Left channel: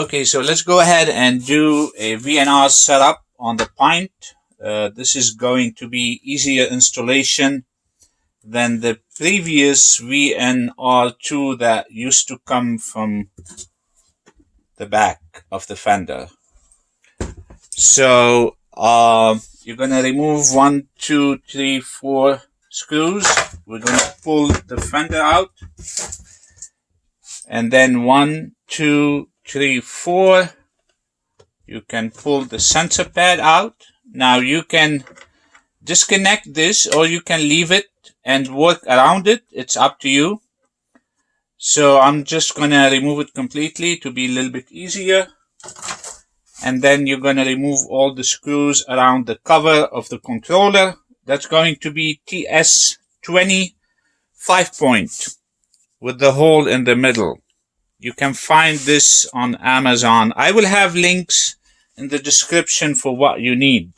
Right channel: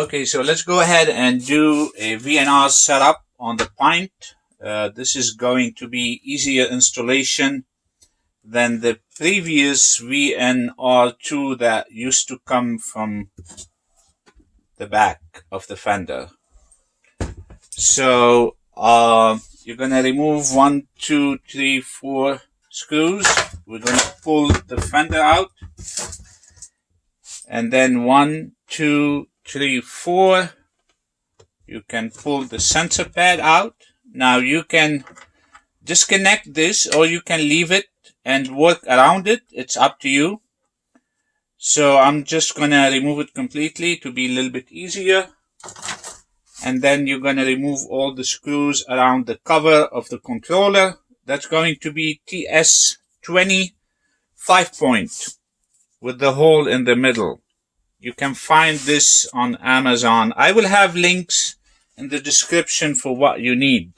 Okay, so let's go ahead and do a VnR setup on the Pint. This is going to be easier installation than the previous VnR2 that used to come from the back of the fender. So you're going to remove 1, 2, 3, 4 screws. We're going to pull the fender out. And then 1, 2, 3, 4. You can pull the sensor pad out. Now you can disconnect this or you can leave it and work around it. It's up to you. So I'm just going to remove it completely to be a little bit easier. And then you're going to remove all the screws around the cover of the controller. That's going to be TS20 5-point with the hole in the middle. You can find this on Amazon. I will have links in the description for what you need.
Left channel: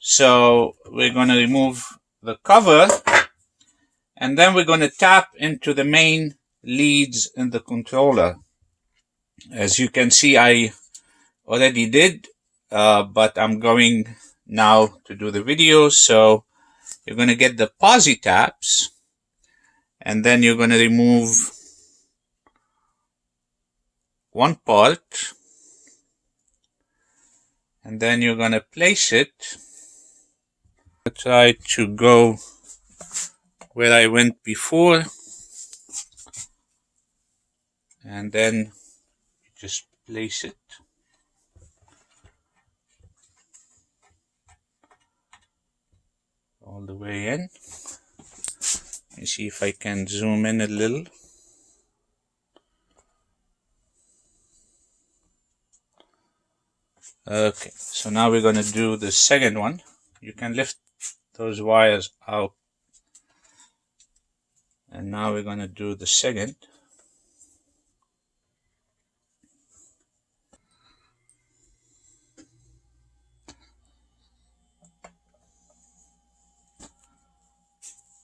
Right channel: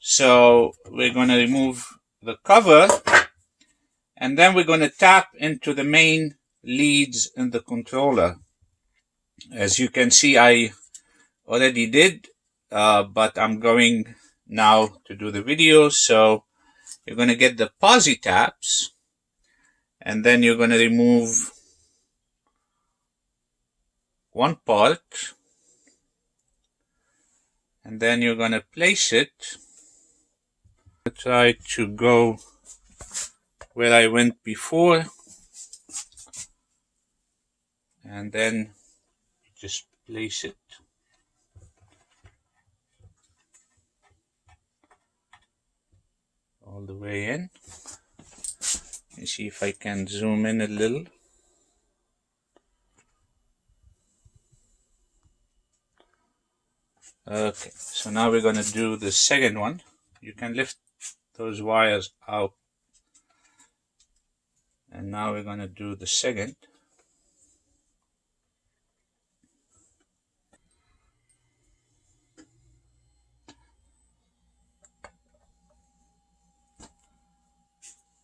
So we're going to remove the cover and then we're going to tap into the main leads in the controller. As you can see, I already did, but I'm going now to do the video. So you're going to get the posi taps and then you're going to remove one part and then you're going to place it. Try to go where I went before and then just place it. All the way in. Let me see if I can zoom in a little. Okay, so now we're going to do the second one. You can lift those wires out. And now we're going to do the second.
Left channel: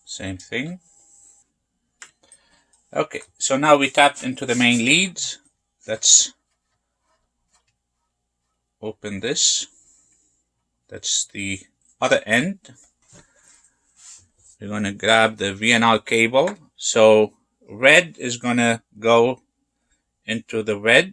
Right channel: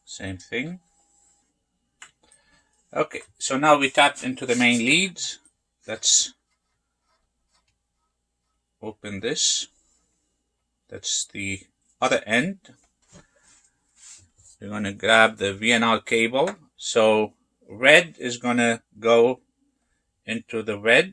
Same thing. Okay, so now we tapped into the main leads. Let's open this. That's the other end. We're going to grab the VnR cable. So red is going to go into the red.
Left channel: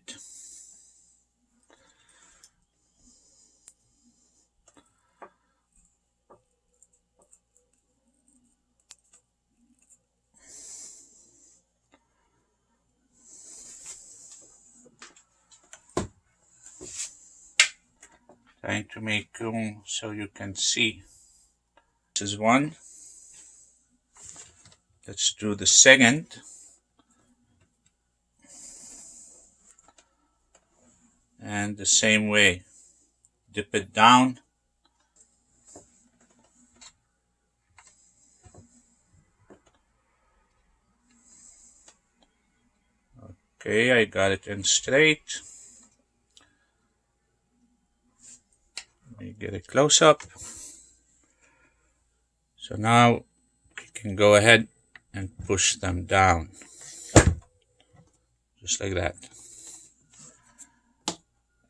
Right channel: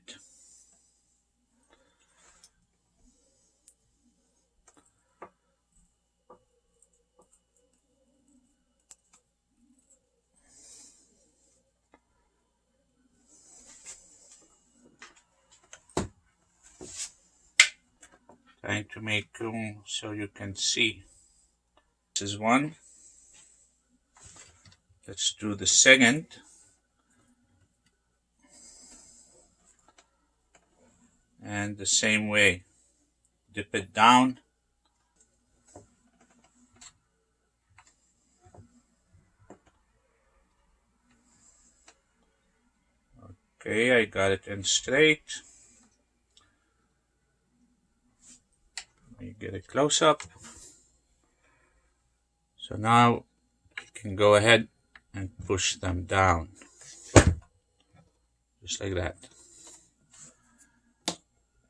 Trying to make room so you can see. This is one. Let's do the second. And the same way. Dip it down. Okay, I got it in straight. Let me get a close up. So now you can go ahead and push them down. Just like that.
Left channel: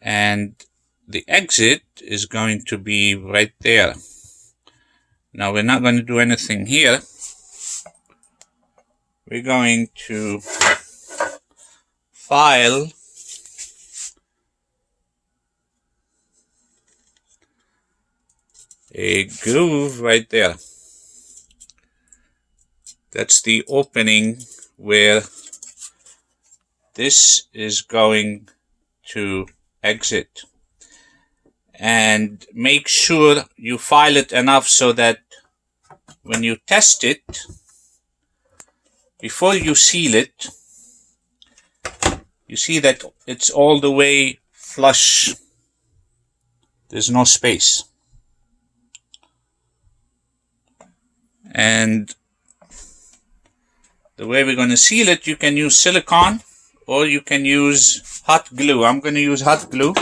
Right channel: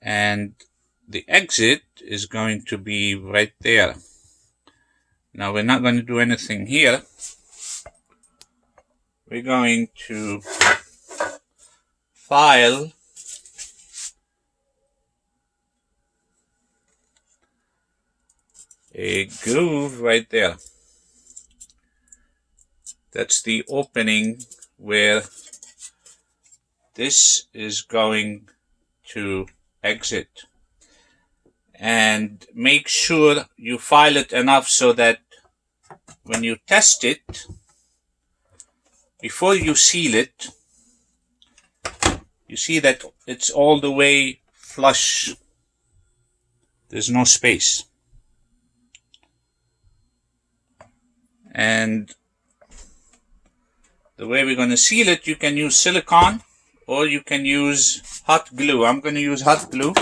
And the exit is going to be right there. Now we're not going to do anything here. We're going to file a groove right there. That's the opening where this is going to exit. And make sure you file it enough so that when you test it, before you seal it, you see that it's all the way flush. There's no space. And the way we're going to seal it, you can use silicone or you can use hot glue. I'm going to use hot glue.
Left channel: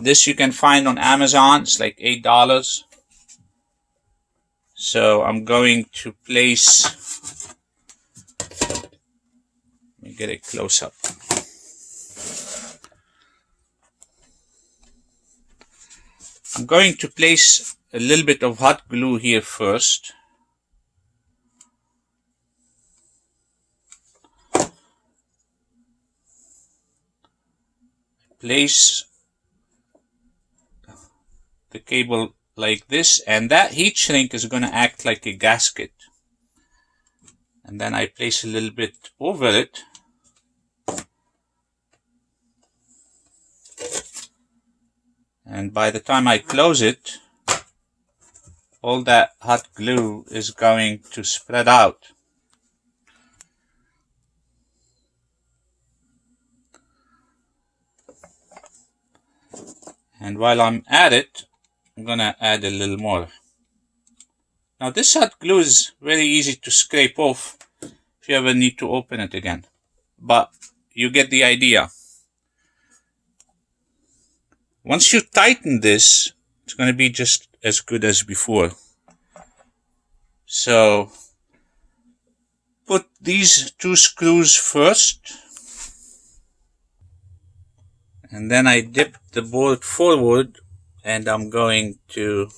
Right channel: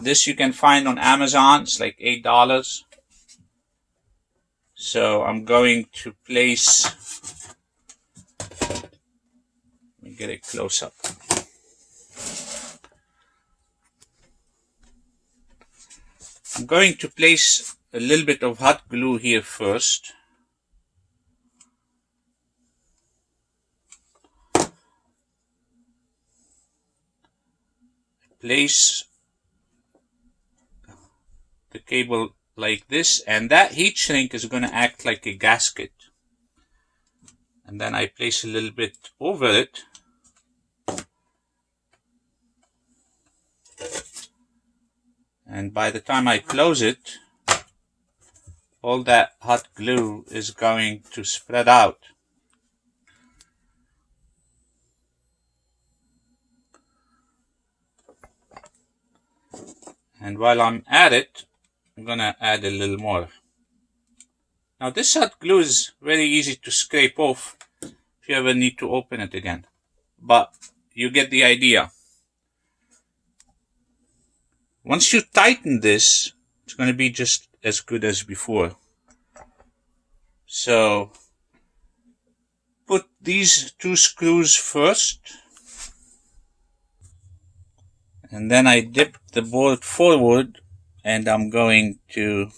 This you can find on Amazon. It's like $8. So I'm going to place, let me me get a close up. I'm going to place a little bit of hot glue here first. Place the cable like this, and that heat shrink is going to act like a gasket. And then I place a little bit over it. And by the time I close it, all that hot glue is going to spread out. And while I'm at it, I'm going to add a little more. Now this hot glue is very easy to scrape off if you ever need to open it again. But you get the idea. Once you tighten this, it's going to be just as good as before. So put these two screws first. And then I dip the board forward, and I'm going to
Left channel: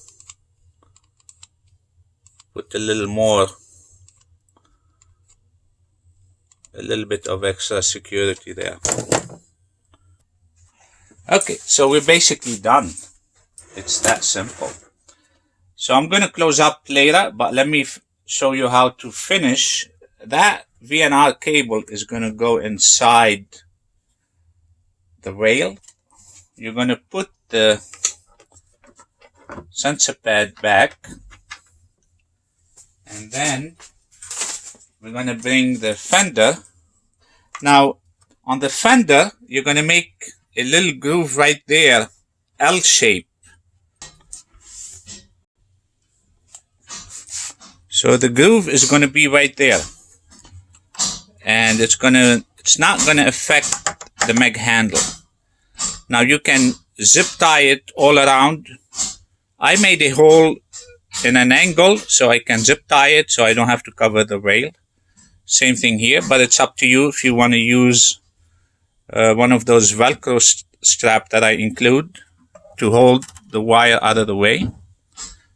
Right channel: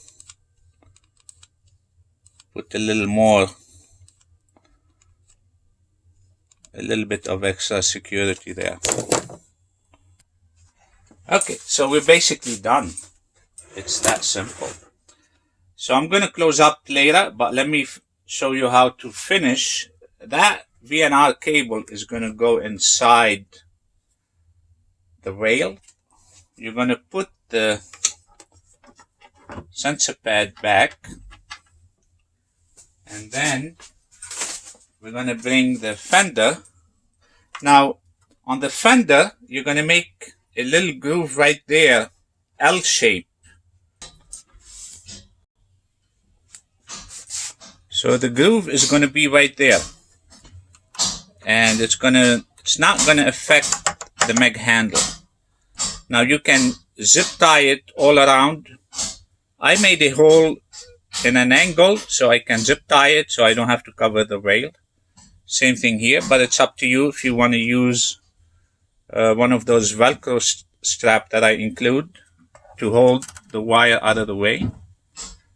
put a little bit of extra security there. Okay, so we're basically done. It's that simple. So I'm going to close up later, but let me show you how to finish. That VnR cable is going to go inside the rail. You're going to put the sensor pad back, and then we're going to bring the fender. Now on the fender, you're going to make a little groove right there, L shape. So the groove is going to be right there, and it's not going to affect the meg handle. Now you can zip tie it all around. I made a hole in an angle so I can zip tie it so I don't have to cover the rail. Same thing here, but it's up to you if you want to use one of those Velcro straps that I include to hold the wire out of the way.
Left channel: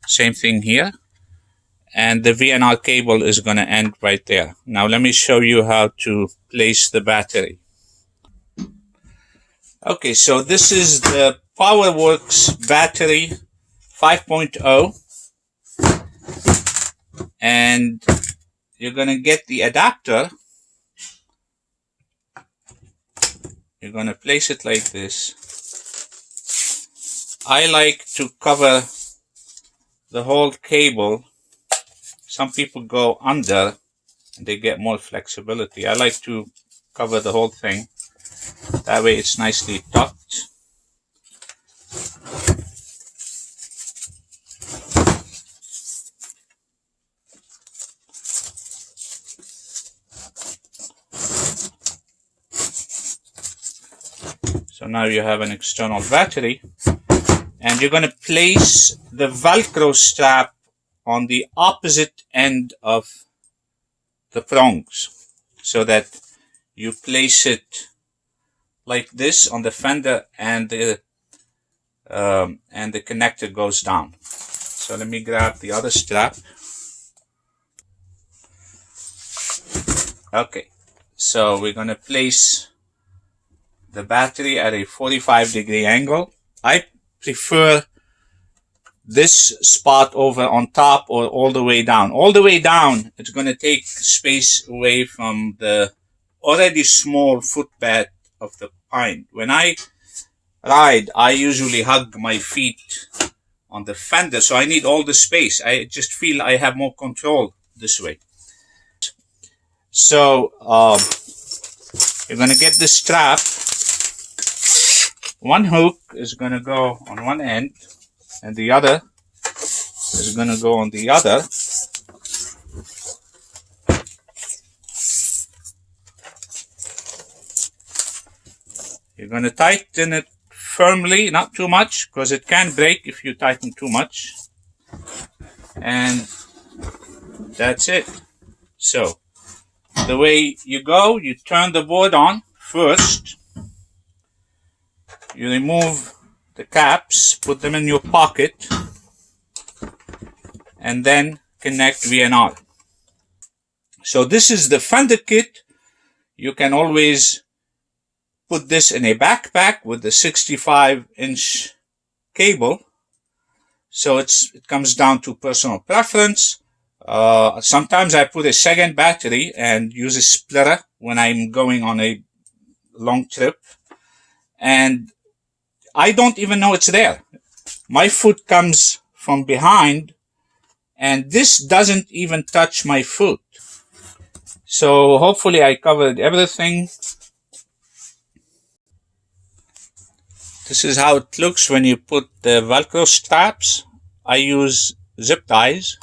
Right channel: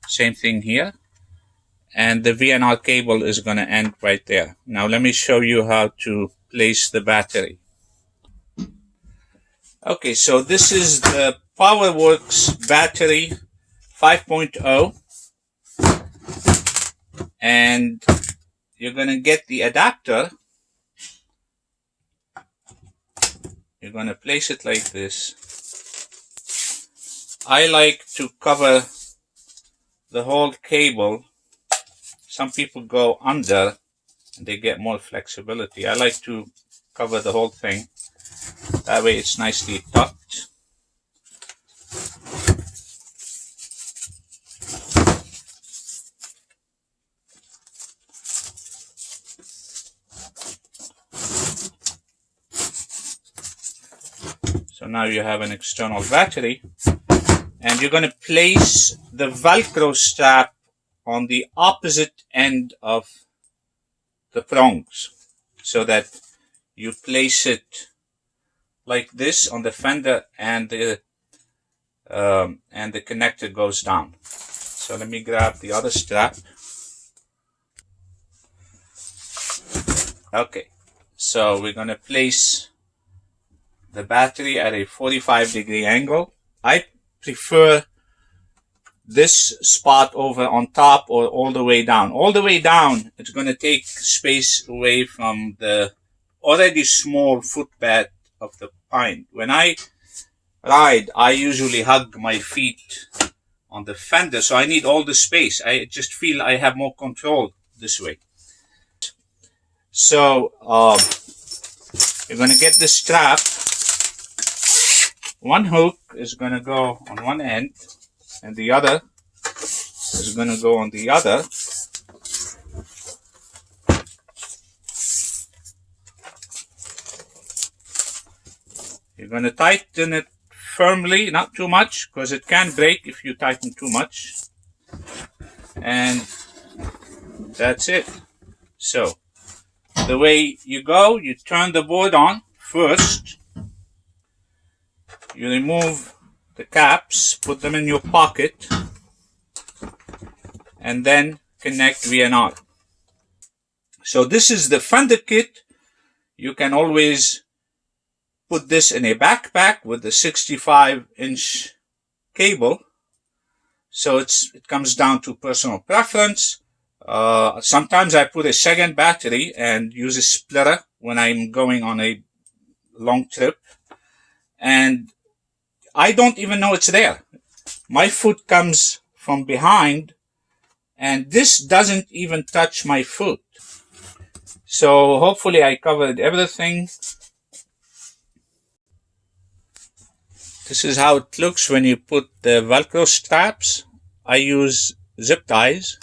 Same thing here. And the VnR cable is going to end right there. Now let me show you how to place the battery. Okay, so this is the PowerWorks battery 5.0, and you're going to get the adapter. You're going to place it like this. I like to cover the whole cable. Some people go under and they get more flexibility. I like to cover the whole thing. That way it's nicely tucked. So now you have an external battery, and you're going to place the Velcro strap on the opposite end of the prongs so that you place it like this on the fender, and the connector goes down. So let me grab the other strap. Okay, so we're going to place the battery at a 45-degree angle. I prefer this spot over on top or all the way down. All the way down, it's going to take space away from the already small footbed of the Pint. When I ride, I usually hug my feet on the fender, so I need all the space. I just feel I have more control this way. So you're going to get the strap. One hook is going to go on one end, and the other is going to go on the other. You're going to tighten it firmly, not too much, because it can break if you tighten too much. And that's it. So the way you go, you turn the board on first. You remove the caps, put them in your pocket, and then connect VnR. So this is the Fender kit. You can always put this in a backpack with the 65-inch cable. So it comes down to personal preference. Sometimes I put a second battery and use a splitter when I'm going on a long trip. And I don't even know it's there. My foot comes from behind, and this doesn't even touch my foot. So hopefully I covered everything. This is how it looks when you put the Velcro straps. I use zip ties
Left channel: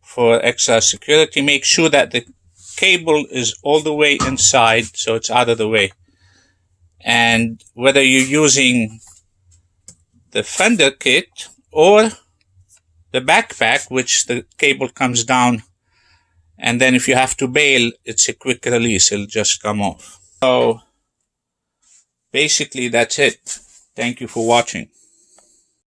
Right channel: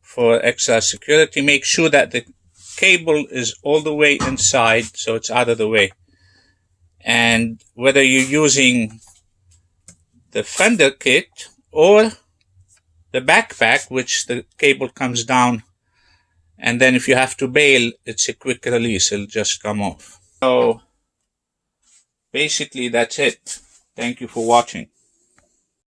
for extra security. Make sure that the cable is all the way inside so it's out of the way. And whether you're using the Fender kit or the backpack, which the cable comes down, and then if you have to bail, it's a quick release. It'll just come off. So basically that's it. Thank you for watching.